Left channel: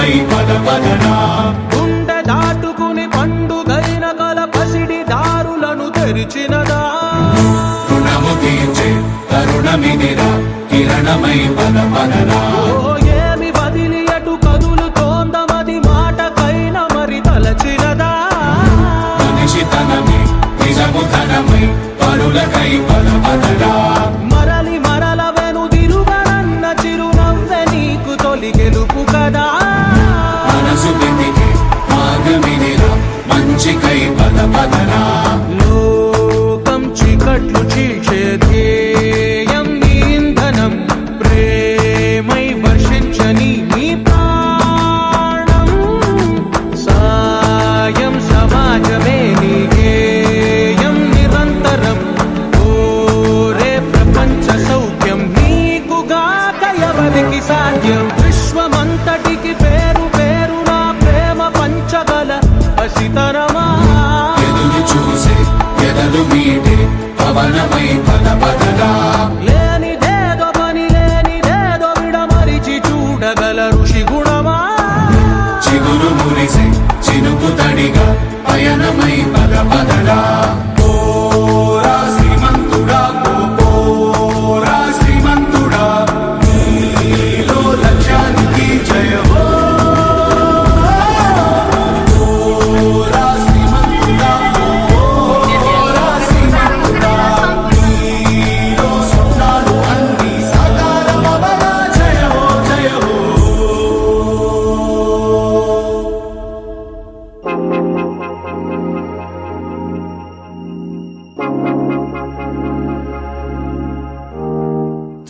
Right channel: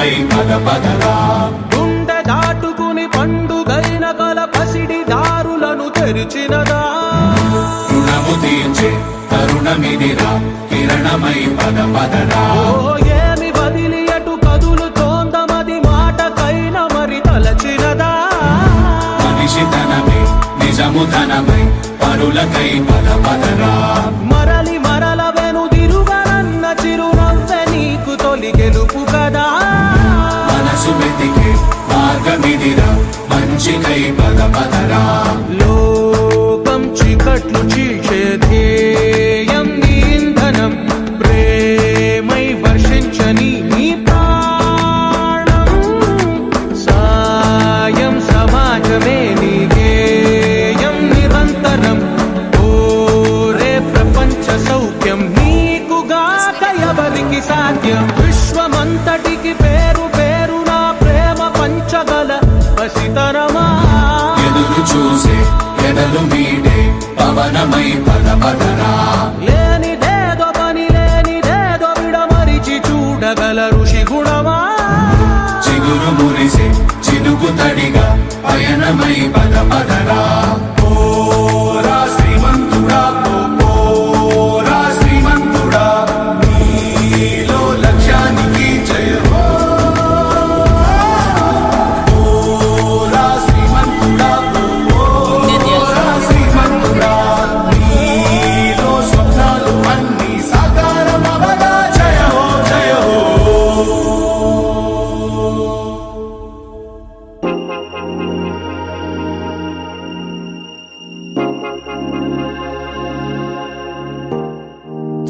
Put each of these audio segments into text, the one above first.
పరులకై పద పదరా. గుండె దాటుకుని పండుగైన కల పసిడి దారులను తెరిచినదా. రుణము తీర్చే కరుణమిదిరా కిరణమై పద పదరా. ఓ ఏమి వదిలి అటు కదులుతోందమది మాటకైన మరి తలచినదా. మనిషితనమే నిజము ధనమై పరులకై పద పదరా. మరలి మరల వెనుదిరుగనన్న చిరునవ్వె నీకు తొలి గెలుపు కదా. మనసు వెతికే మార్గమిదిరా మంచికై పద పదరా. లోకం చీకట్లు చీల్చే ధ్యేయం నీ ఇంధనం ప్రేమై వర్షించని నీ ప్రాణం. సాయం సమాజమే నీ గేయం నిరంతరం. ఓరే ప్రపంచ సౌఖ్యం నీకుగాక ఎవరికి సాధ్యం. విశ్వమంతటికి పేరు పేరు నా ప్రేమ పంచగల పసితనమా. ఎదురు చూసే ఎదలు మీటే పవనమై పద పదరా. లేనిదేదో పని లేనిదేదో విడమరిచి చూడగల ఋషి గుణమా. చిగురు మురిసే చినుకు తడిగా పయనమై పద పదరా. ఓరా శ్రీమంతుడా ఓరా శ్రీమంతుడా నీలో లక్ష్యానికి జయమో. ఓరా శ్రీమంతుడా ఓరా శ్రీమంతుడా నీలో స్వప్నాలు అన్నీ సాకారమవగా జయమో జయమో.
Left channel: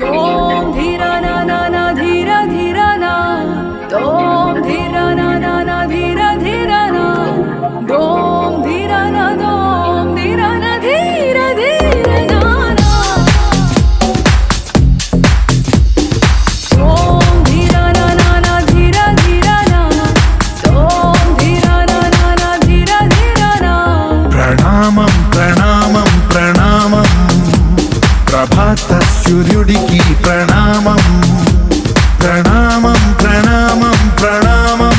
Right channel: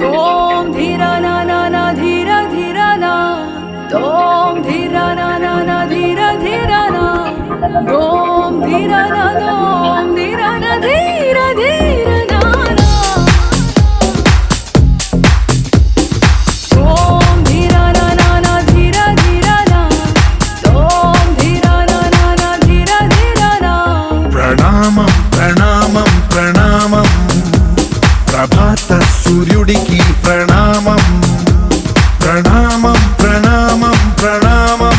तोम धीरा ना ना ना धीरा धीरा ना. तोम धीरा ना ना ना धीरा धीरा ना. दोम धीरा ना दोम धीरा ना धीरा धीरा ना ना. तोम धीरा ना ना ना धीरा धीरा ना. तोम धीरा ना ना ना धीरा धीरा ना. ప్రణామం ప్రణామం ప్రణామం ప్రభాత సూర్యుడికి ప్రణామం. ప్రణామం ప్రణామం ప్రణామం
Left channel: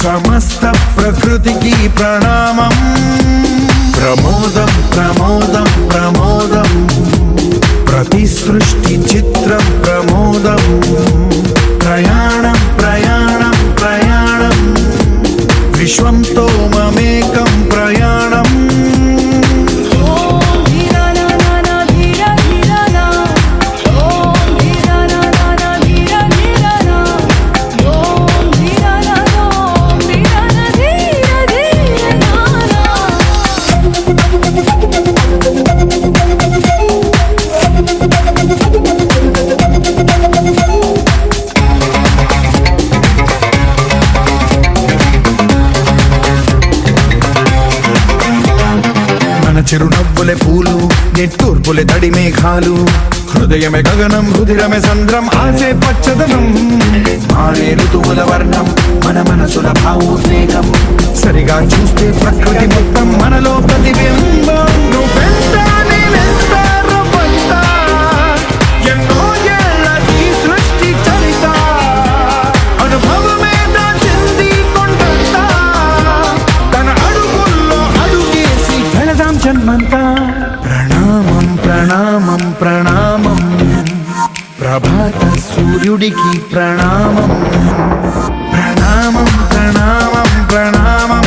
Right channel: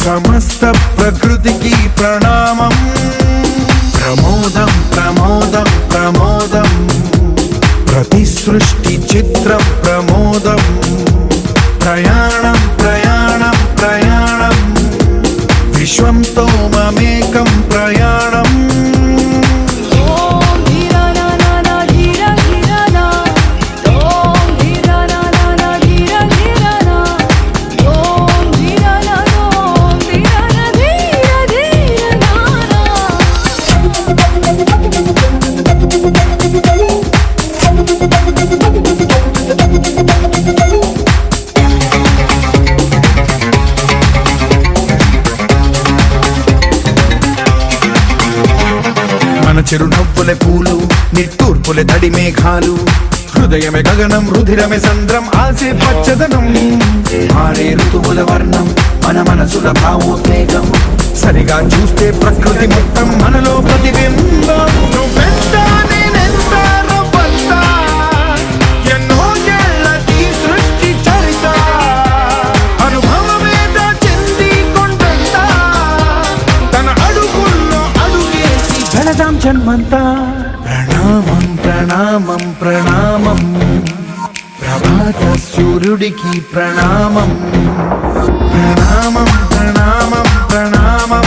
సమస్త ప్రకృతికి ప్రణామం. ప్రమోదం ప్రమోదం ప్రమోదం ప్రతి సృష్టి చిత్రం ప్రమోదం. ప్రయాణం ప్రయాణం ప్రయాణం విశ్వంతో మమేకం ప్రయాణం. तोम धीरा ना ना ना धीरा धीरा ना. तोम धीरा ना ना ना धीरा धीरा ना. दोम धीरा ना दोम धीरा ना धीरा धीरा ना ना. మన చిరునవ్వులే పూలు నిట్టూర్పులే తడి మేఘాలు. హృదయమే గగనం రుధిరమే సంద్రం ఆసే పచ్చదనం. మారే ఋతువుల వర్ణం మన మనసుల భావోద్వేగం. సరిగా చూస్తే ప్రకృతి మొత్తం మనలో ప్రతిబింబం. నువ్వెంత నేనెంత రవ్వంత ఎన్నో ఏళ్ళ ఈ సృష్టి చరిత. అనుభవమేద చెంది కొండంత తన అడుగుల్లో అడుగేసి వెళదాం జన్మంతా. ప్రణామం ప్రణామం ప్రణామం ప్రభాత సూర్యుడికి ప్రణామం. ప్రణామం ప్రణామం ప్రణామం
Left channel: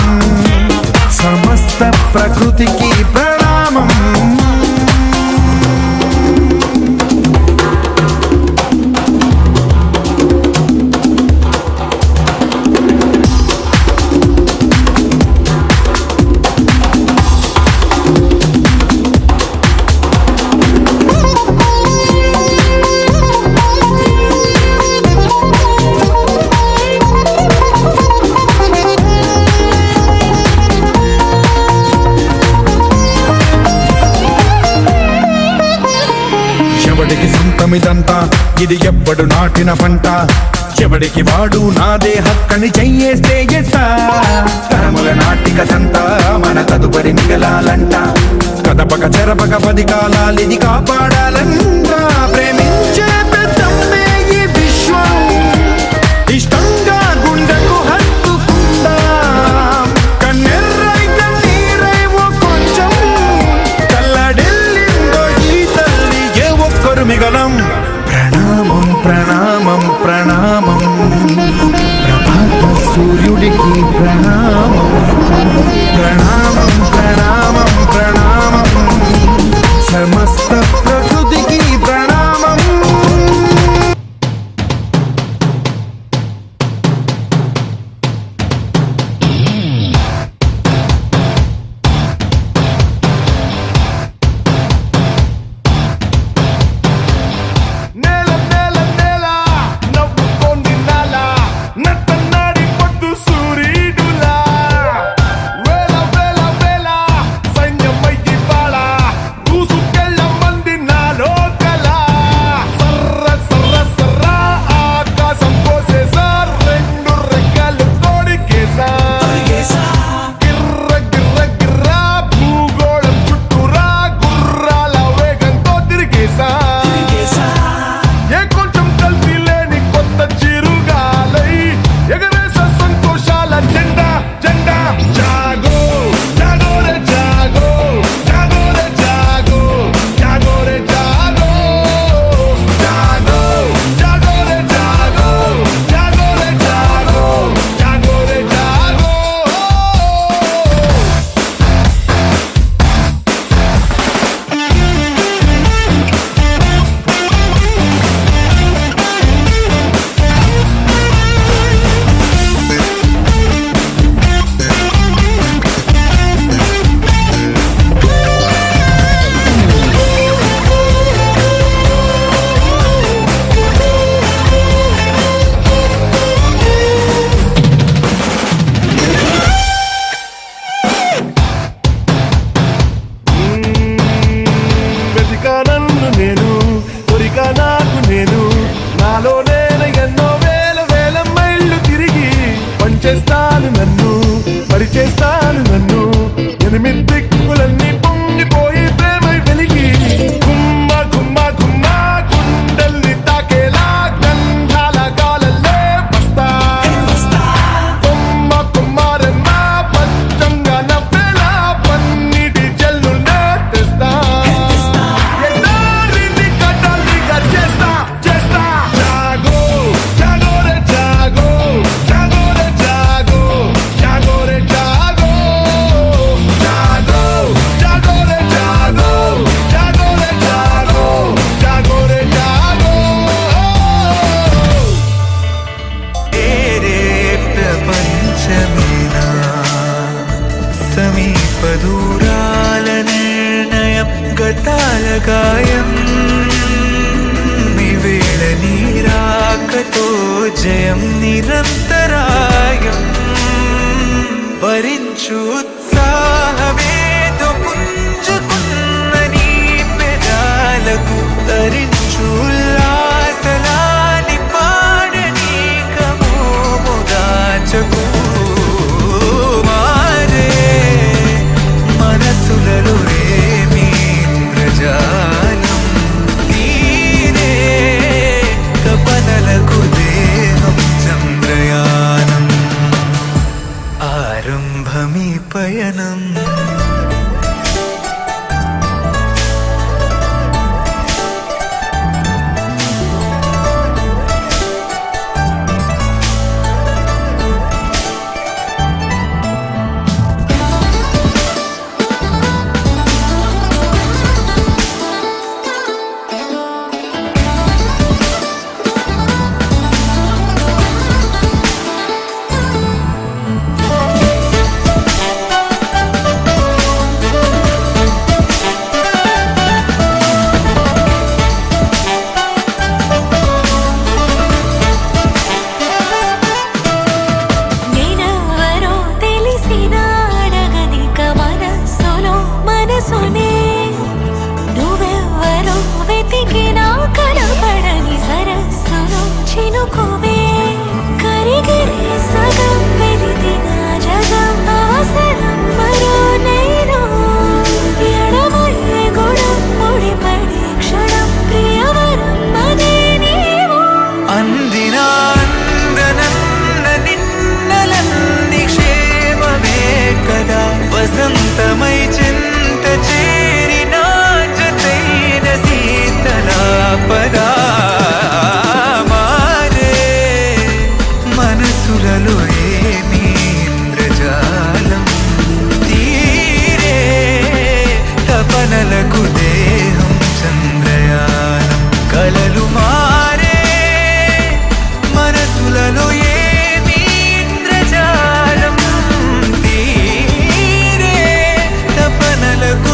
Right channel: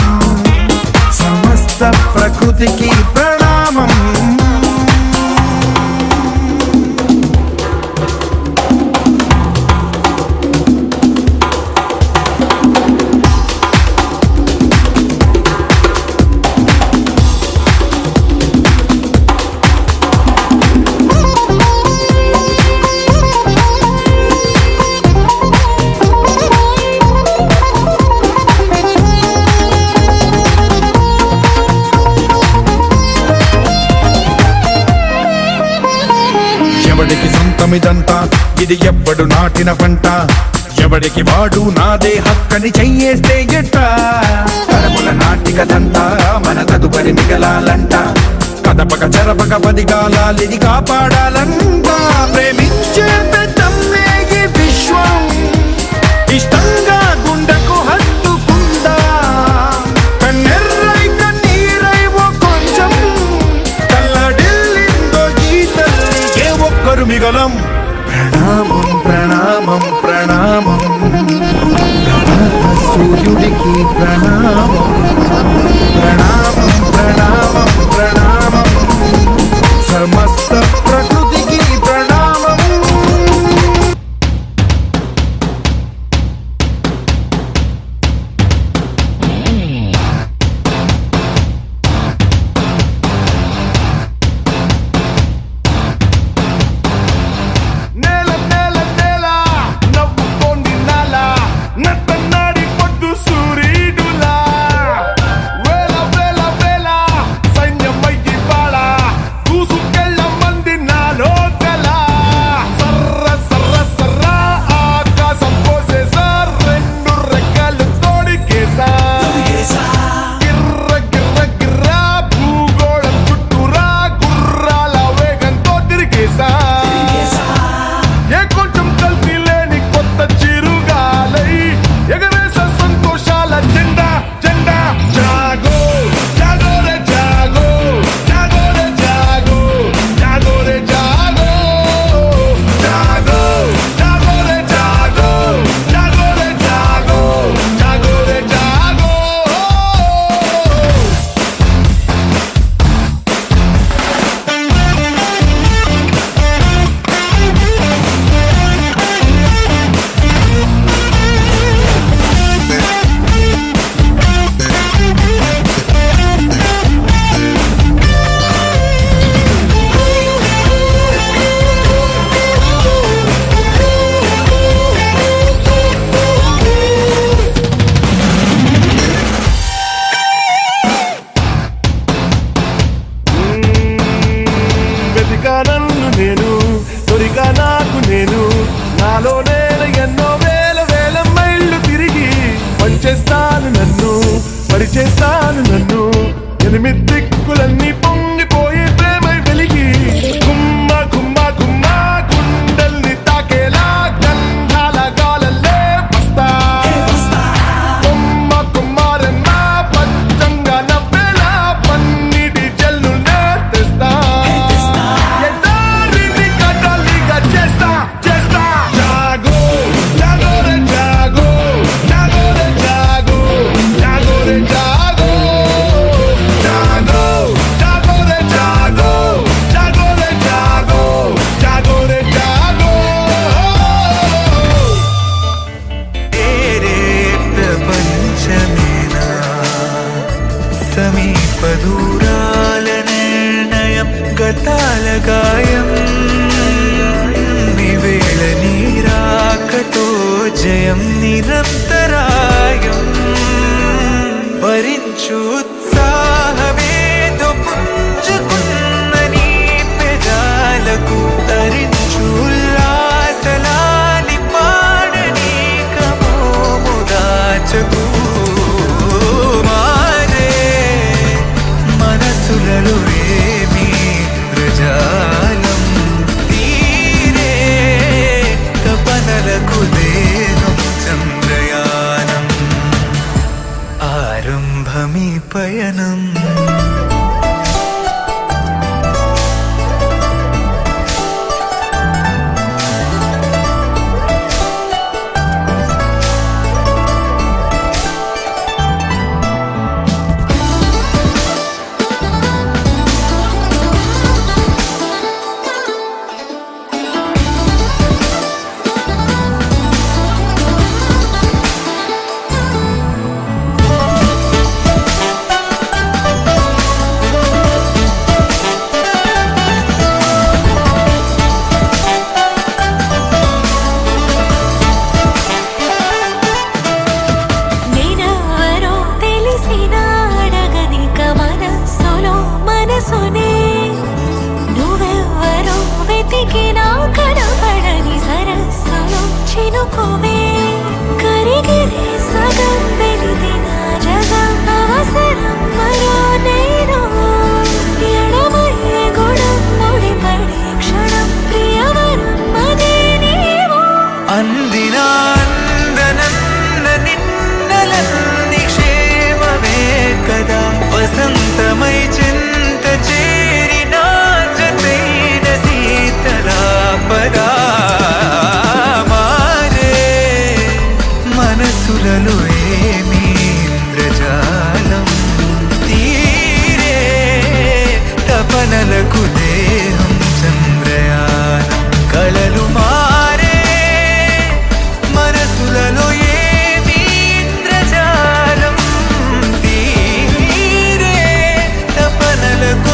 సమస్త ప్రకృతికి ప్రణామం. ఎవడికి సొంతమిదంతా ఇది ఎవ్వడు నాటిన పంట. ఎవడికి వాడు నాదే హక్కని చెయ్యేస్తే ఎట్ట. తరముల నాటిక తంతా మన తదుపరి మిగలాలంట. కదపక చెరపక 10 కాలాలిది కాపాడాలంట. ప్రేమించే పెద్దమ్మే ఈ విశ్వం ఇష్టంగా సూర్యుడికి ప్రణామం ప్రణామం ప్రణామం ప్రణామం సమస్త ప్రకృతికి ప్రణామం. నేల నేల నేల నవ్వుతోంది నాల నట్టన్నాడి పొద్దు సూర్యుడులా వేల వేల వేల సైన్యమయ్యి బాళ దూసుకెళ్ళ మంది నాలో కల సర్ర సర్ర సర్ర ఆకాశం కోసేసా రెండు రెక్కలు తోడికేసా గిర్ర గిర్ర గిర్ర భూగోళం చుట్టూరా గుర్రాల వేగంతో తిరిగేసా ఏ కొంచెం కల్తీ లేని కొత్త చిరుగాలై ఎగరేస సంతోషాల జెండా జెండా జాగో జాగో రే జాగో జాగో రే జాగో జాగో రే జాగో జాగో జాగో రే జాగో జాగో రే జాగో జాగో రే జాగో. వెతికా నన్ను నేను దొరికా నాకు నేను నాలో నేను ఎన్నో వేల వేల మైళ్ళు తిరిగి పంచేస్తాను నన్ను పరిచేస్తాను నన్ను ఎనిమిది దిక్కులన్నీ పొంగిపోయి ప్రేమై వెలిగి గుమ్మ గుమ్మ గుమ్మ గుండెల్ని తాకేలా గంధాల గాలల్లే వస్తా కొమ్మ కుమ్మారమ్మ పచ్చంగా నవ్వేలా పన్నిటి జల్లునే తెస్తా ఎడారిని కడలిగా చేస్తా చేస్తా జాగో జాగో రే జాగో జాగో రే జాగో జాగో రే జాగో జాగో జాగో రే జాగో జాగో రే జాగో జాగో రే జాగో. तेरे ప్రపంచమేనా సమీప దూరాల నిర్ణయం గతాల గాయం నివేళ నీరాకతో జయం నిరంతరాయం భరించు ఉత్సాహమేదో పుంజుకున్న నీ పెదాలకు తరించు ఉల్లాసలాలి పాడని కమోము దాచకు మారే మనసులలో రేమీంద్రజాలం తీరే తపనలకు దేహం చంద్రయానం ఆరంభమీ పయనం నేనెవరో తెలిసిన అడగనిక మనసులో మనసునే నువ్వెవరో వెతికినా కనపడని సరస్సులో చినుకువే కరిగిరి సగం వెలిగిన జగం అవసరం మరో నేను ఎడమయ్యే గుణం ముడిపడి క్షణం ప్రియవరం అదే నీవు అందిన అందనన్న నిన్నలన్ని క్షేమమే కదా వసంతమై చింత చేరిన జతైన శీతలాపదా మారే మనసులలో ఏమి ఇంద్రజాలం తీరే తపనలకు దేహం చంద్రయానం కలలు మారే మనసులలో ఏమి ఇంద్రజాలం తీరే తపనలకు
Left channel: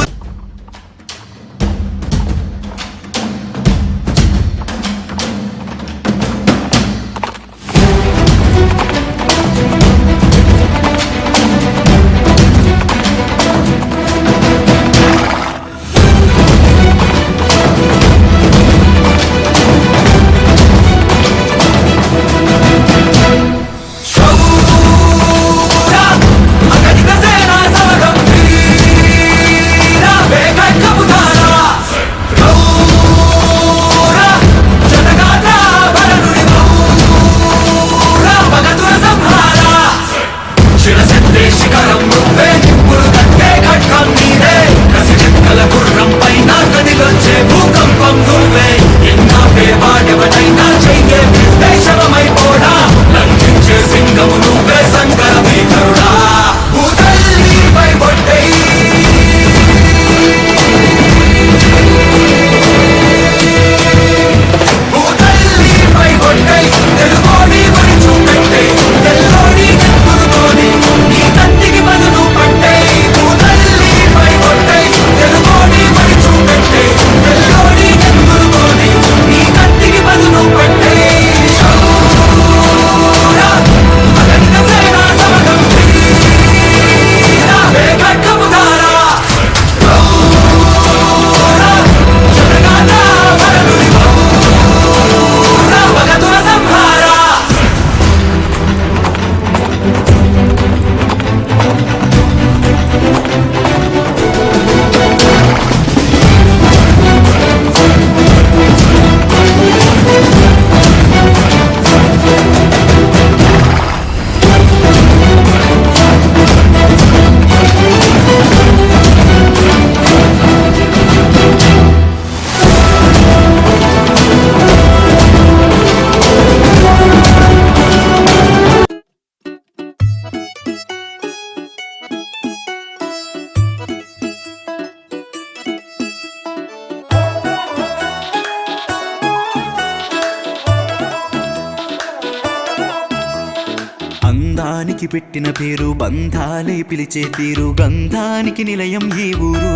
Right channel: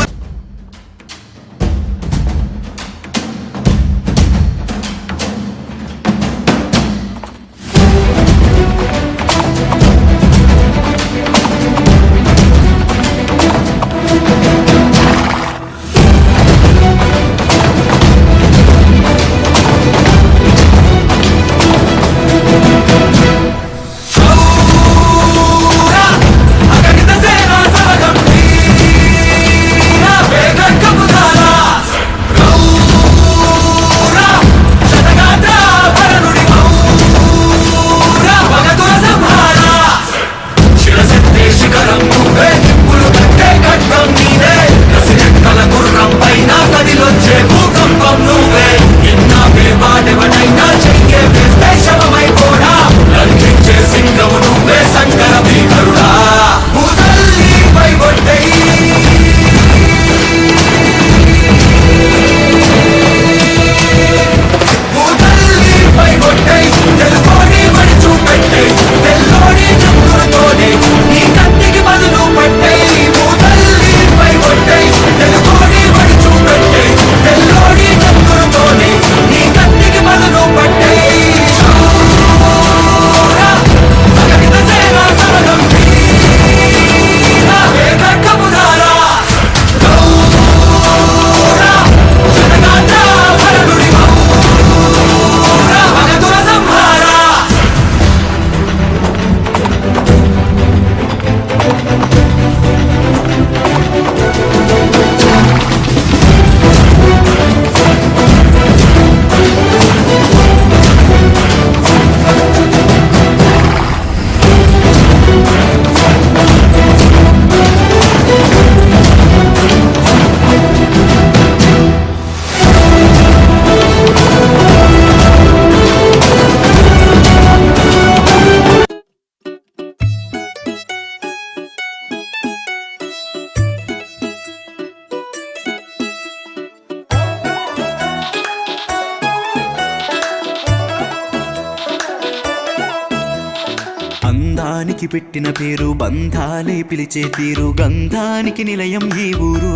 అందానికి పెట్టిన పేరు బంధాలే పిలిచే తీరు గంధానికి నిలయం ఈ ఊరు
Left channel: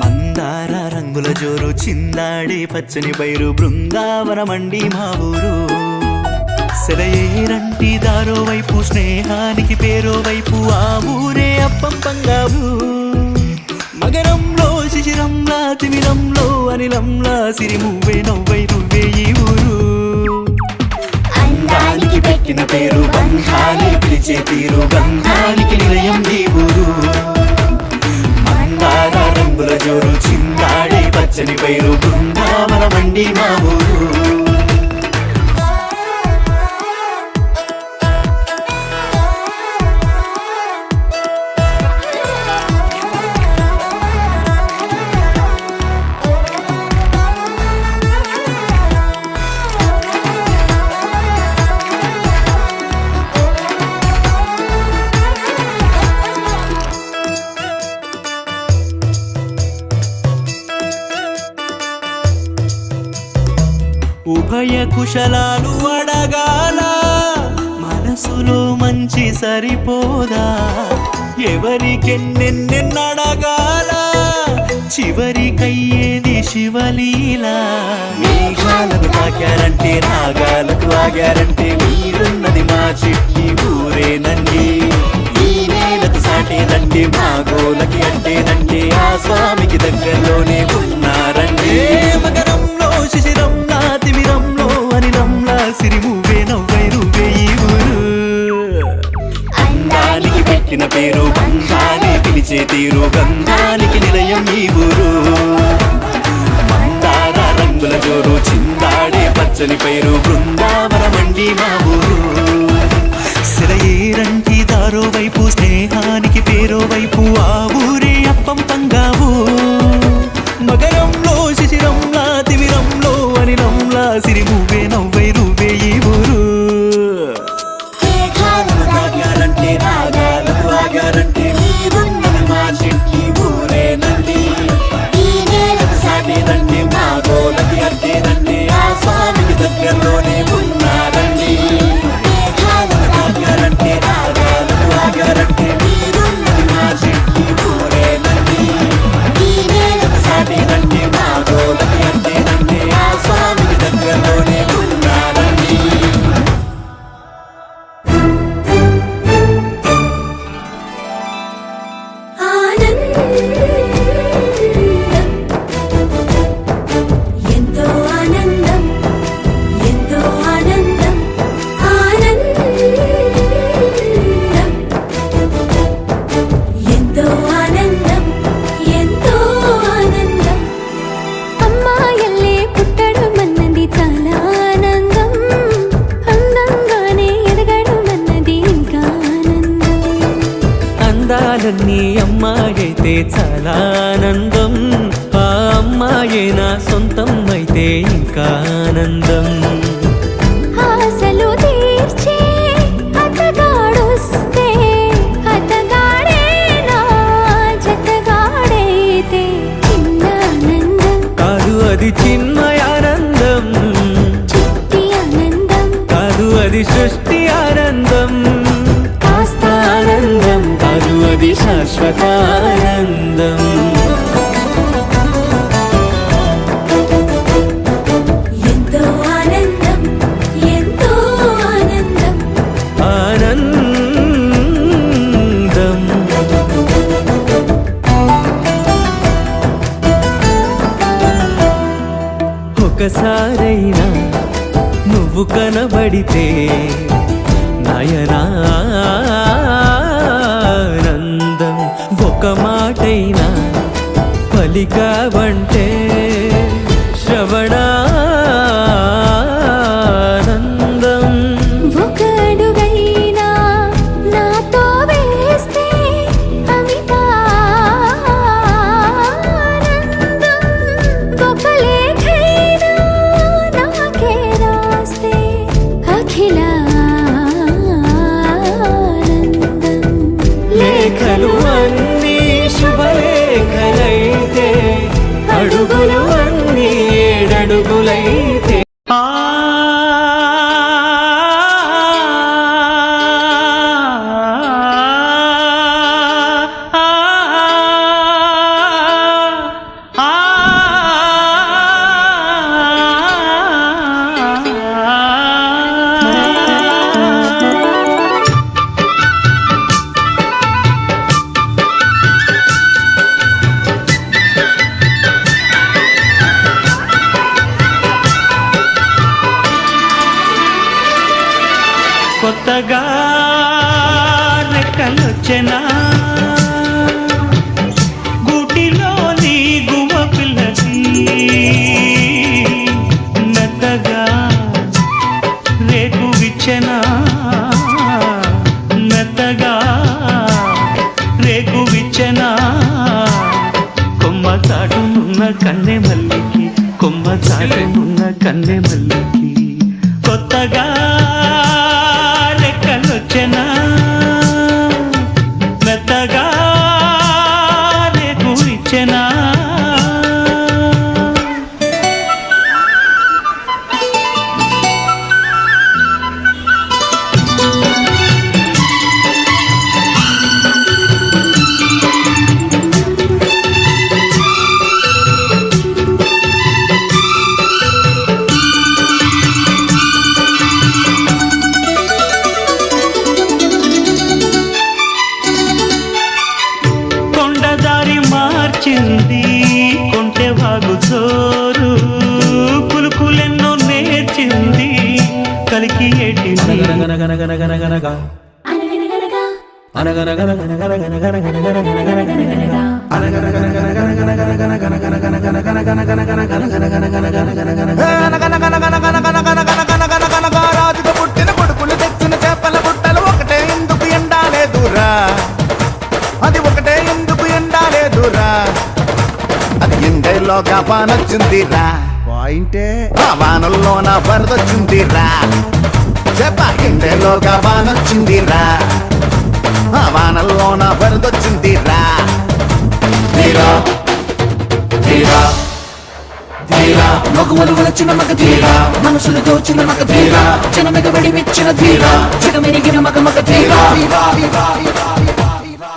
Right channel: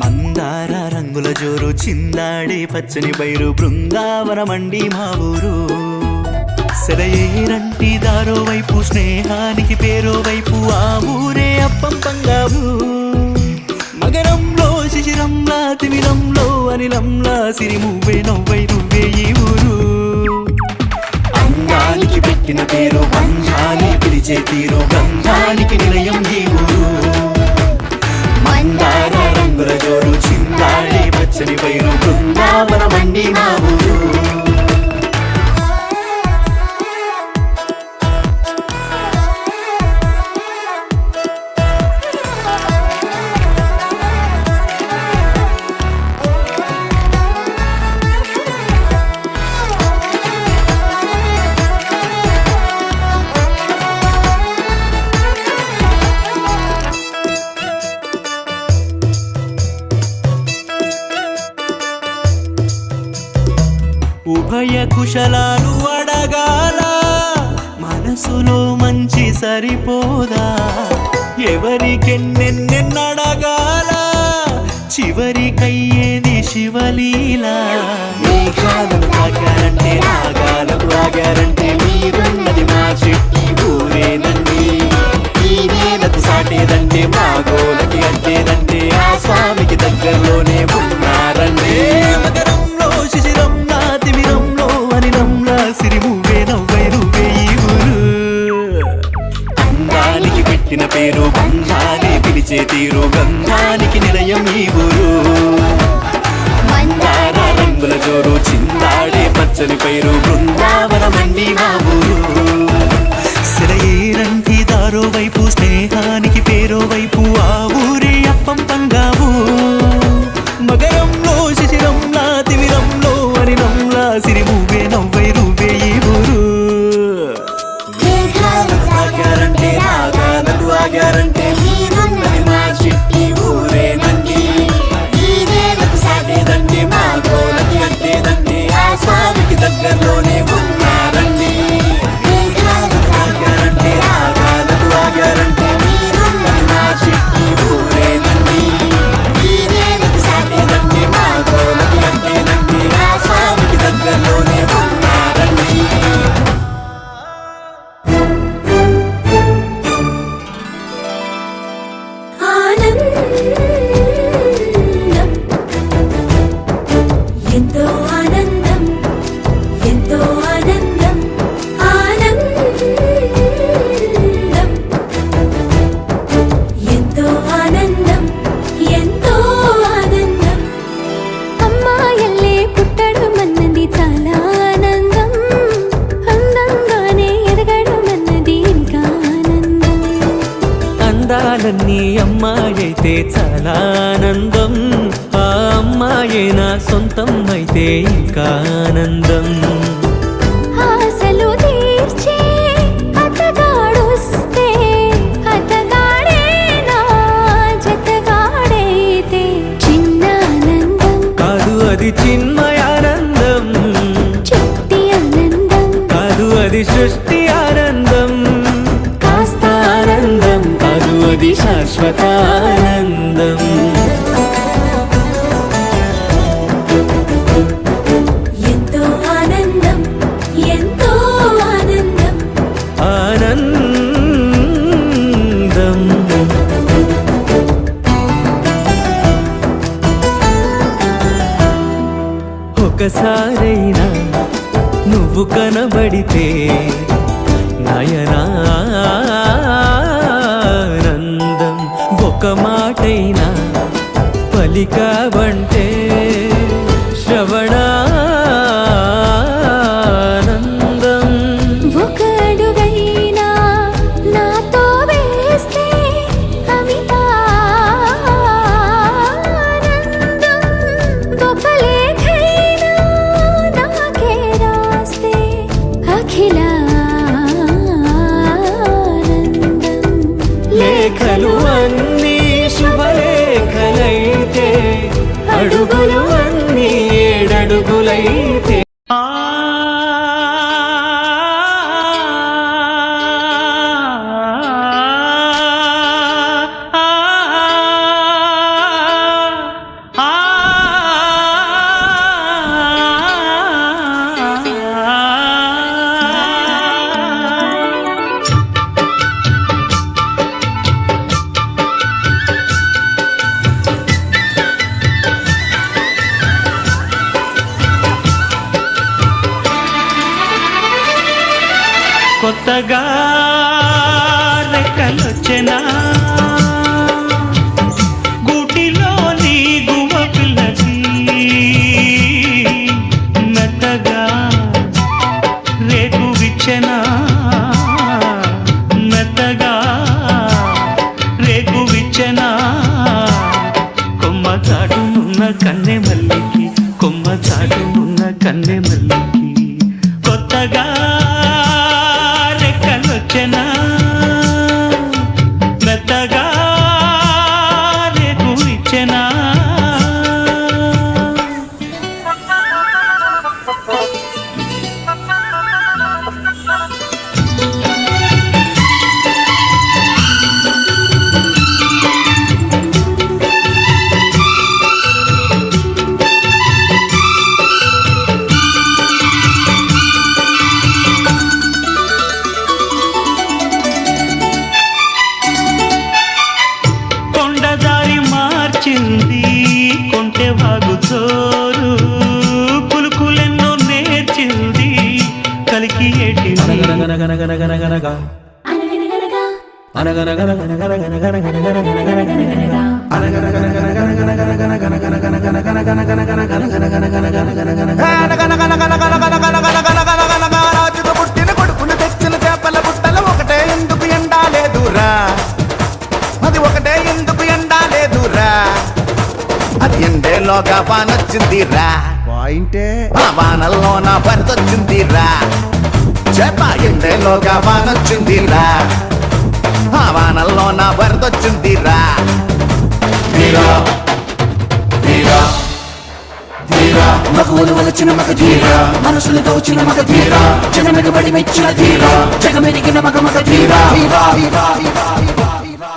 మందార రంగుల జోరు చిందాడే పచ్చని బైరు బృందావనమండి మా ఊరు సెలయేరంటి దారో వైపు స్నేహానికి పేరో వైపు ఆ ఊరే అప్పం పంగావు మగరంలో శిశిరంలా తిమిరంలో అనిలంలా సిరిమువ్వే నవ్వై నువ్వే ఈ ఊరు అందానికి పెట్టిన పేరు బంధాలే పిలిచే తీరు గంధానికి నిలయం ఈ ఊరు మందార రంగుల జోరు చిందాడే పచ్చని బైరు బృందావనమండి మా ఊరు ఉభయ కుశలాలు అడగాల మనసులో మంచి సరిపోదా ఎవరికెన్నెన్నెన్నడగాల చివరికయ్యేది శివలీలా మేఘాలకు తాకారంటే నాగాలకు ఆగారంటే మీరున్నది మా చెట్టి ఊరేనండి ఈ నేలకు సాటేదంటే మా గోడకి అంటేదంటే ఆ స్వామికి దగ్గరలోనే ఉన్నారంటే మగరంలో శిశిరంలా తిమిరంలో అనిలంలా సిరిమువ్వే నవ్వై నువ్వే ఈ ఊరు అందానికి పెట్టిన పేరు బంధాలే పిలిచే తీరు గంధానికి నిలయం ఈ ఊరు మందార రంగుల జోరు చిందాడే పచ్చని పైరు బృందావనమండి మా ఊరు సెలయేరంటి దారో వైపు స్నేహానికి పేరో వైపు ఆ ఊరే అప్పం పంగావు మగరంలో శిశిరంలా తిమిరంలో అనిలంలా సిరిమువ్వే నవ్వై నువ్వే ఈ ఊరు ఎంతో ఆనందం ఎంతో ఆనందం ఆనందం ఎంతో ఆనందం ఎంతో ఆనందం అమ్మాయల్లే పుట్టడం అన్నది చాలా ఆనందం అందంగానే ఎదగడం అన్నది ఇంకా ఆనందం అందాలన్నీ అమ్మాయైతే చాలా ఆనందం ఆ అమ్మాయే నా సొంతం అయితే ఇంకా ఆనందం ఆశలు తీర్చే అతగాడొస్తే అతగాడే నా జతగాడైతే చిన్న ఆనందం కాదు అది చిన్మయానందం చిట్టి ఆనందం కాదు అది సృష్టి ఆనందం కాస్త ఆనందం కాదు అది శాశ్వత ఆనందం ఎంతో ఆనందం ఎంతో ఆనందం ఆనందం ఒకసారైనా నువ్వు కనబడితే నయనానందం ఒక మాటైనా పలికావంటే శ్రవణానందం ఒక అడుగైనా నాతో వేస్తే అమితానందం ఒక లేఖైనా నాకే రాస్తే అఖిలానందం లేఖలు అన్నీ శుభలేఖలైతే అడుగులు అన్నీ ఏడడుగులైతే కొత్తగా రెక్కలొచ్చెనా గూటిలోని గువ్వ పిల్లకి మెత్తగా రేకు విచ్చెనా మెత్తగా రేకు విచ్చెనా కొమ్మ చాటునున్న కన్నె మల్లికి కొమ్మ చాటునున్న కన్నె మల్లికి కొత్తగా రెక్కలొచ్చెనా మెత్తగా రేకు ఇచ్చెనా కొండదారి మార్చింది కొంటె వాగు చోరు కులుకులెన్నో నేర్చింది కలికి ఏటింది రాజుకు పుట్టిన కొడుకులు తెచ్చిన చేపల బుట్టలు ఒకటే ఎందుకు ఎండాలేదురా అది ఒకటే ఎందుకు ఎండాలేదురా అది ఎండేలోగా పానొచ్చిందిరా పాయింటే ఆ వానల్లోన వరదొచ్చిందిరా చేప ఎండేలోగా పానొచ్చిందిరా ఆ వానల్లోన వరదొచ్చిందిరా ధీరా ధీరా ధీరా మగువలు వలచిన మగ ధీరా మనసులు దోచిన మగ ధీరా జనమెగబడి మెచ్చిన ధీరా జగమెరిగిన మగ మగ ధీరా ధీరా ధీరా ధీరా ధీరా ధీరా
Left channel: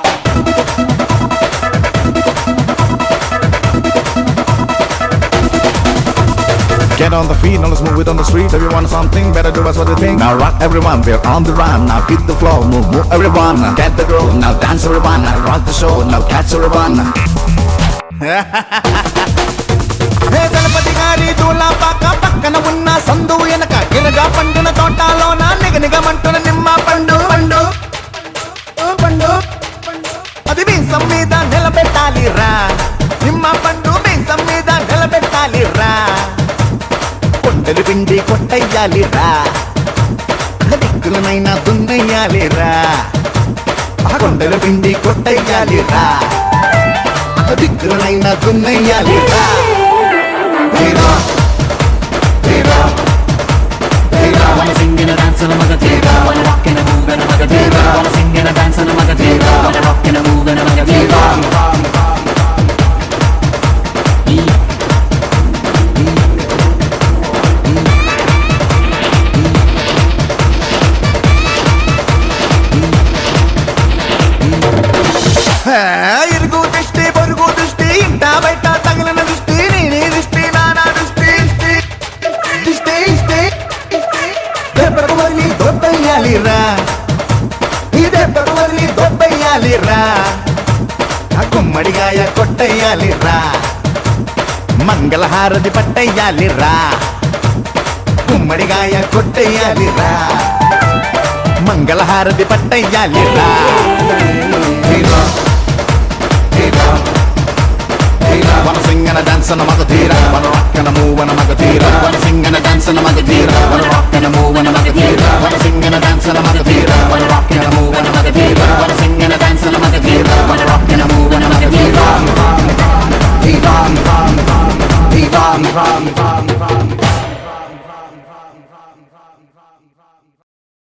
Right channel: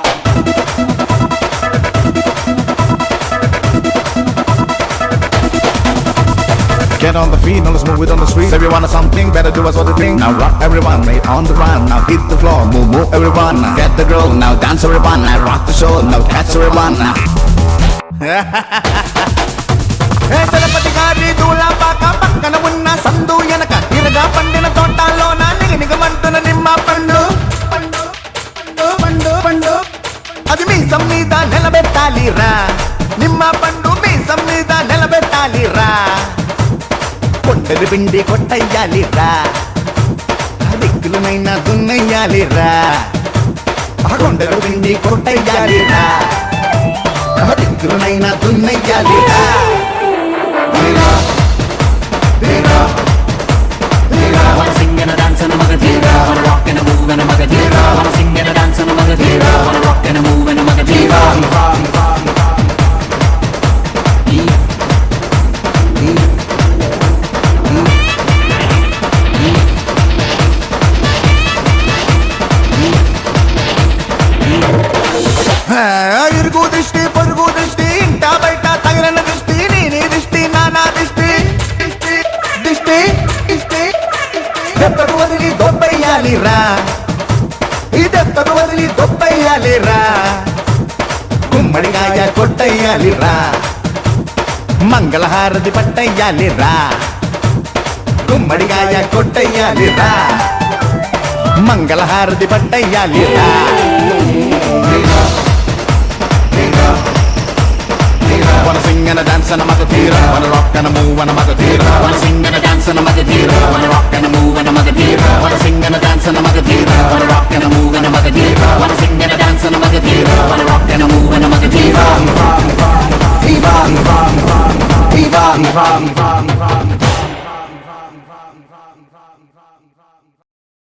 Get on the feet, on the smooth on the streets. Everyone has something better do us other thing. Now rock everyone, we're on the run. Now beat the floor, move everyone. Get the groove, now dance everyone. I rock the show, now catch everyone. ఏ తిరుపతి గారి దూలపాక పక్కన ఉన్న సందు వెనక ఇలుగా పండిన తోటలోన నిగనిగమంటున్న నిమ్మ పండు పండు పండు పండు అది మీసం మీద నిలబెట్టాలిరా నిమ్మ పండు మీసం మీద నిలబెట్టాలిరా కొండలు విండి కొట్టయ్యాలిరా దిక్కులనైనా దున్నయ్యాలిరా కొండలు విండి కొట్టయ్యాలిరా దిక్కులనైనా దున్నయ్యాలిరా Wanna sing and a dance and a magadera, wanna rock and a move and a magadera, wanna sing and a dance and a magadera, wanna rock and a move and a magadera. ఇరుగు దృష్టి పొరుగు దృష్టి ఇంట బయట తగలన దృష్టి నీ దృష్టి నానా దృష్టి దృష్టి దెబ్బకు వదిలి దొబ్బయ్యాలిరా ఈ దెబ్బకు వదిలి దొబ్బయ్యాలిరా గుమ్మడిగాయ కొట్టయ్యాలిరా మంగళహారతి పట్టయ్యాలిరా గుమ్మడిగాయ కొట్టయ్యాలిరా మంగళహారతి పట్టయ్యాలిరా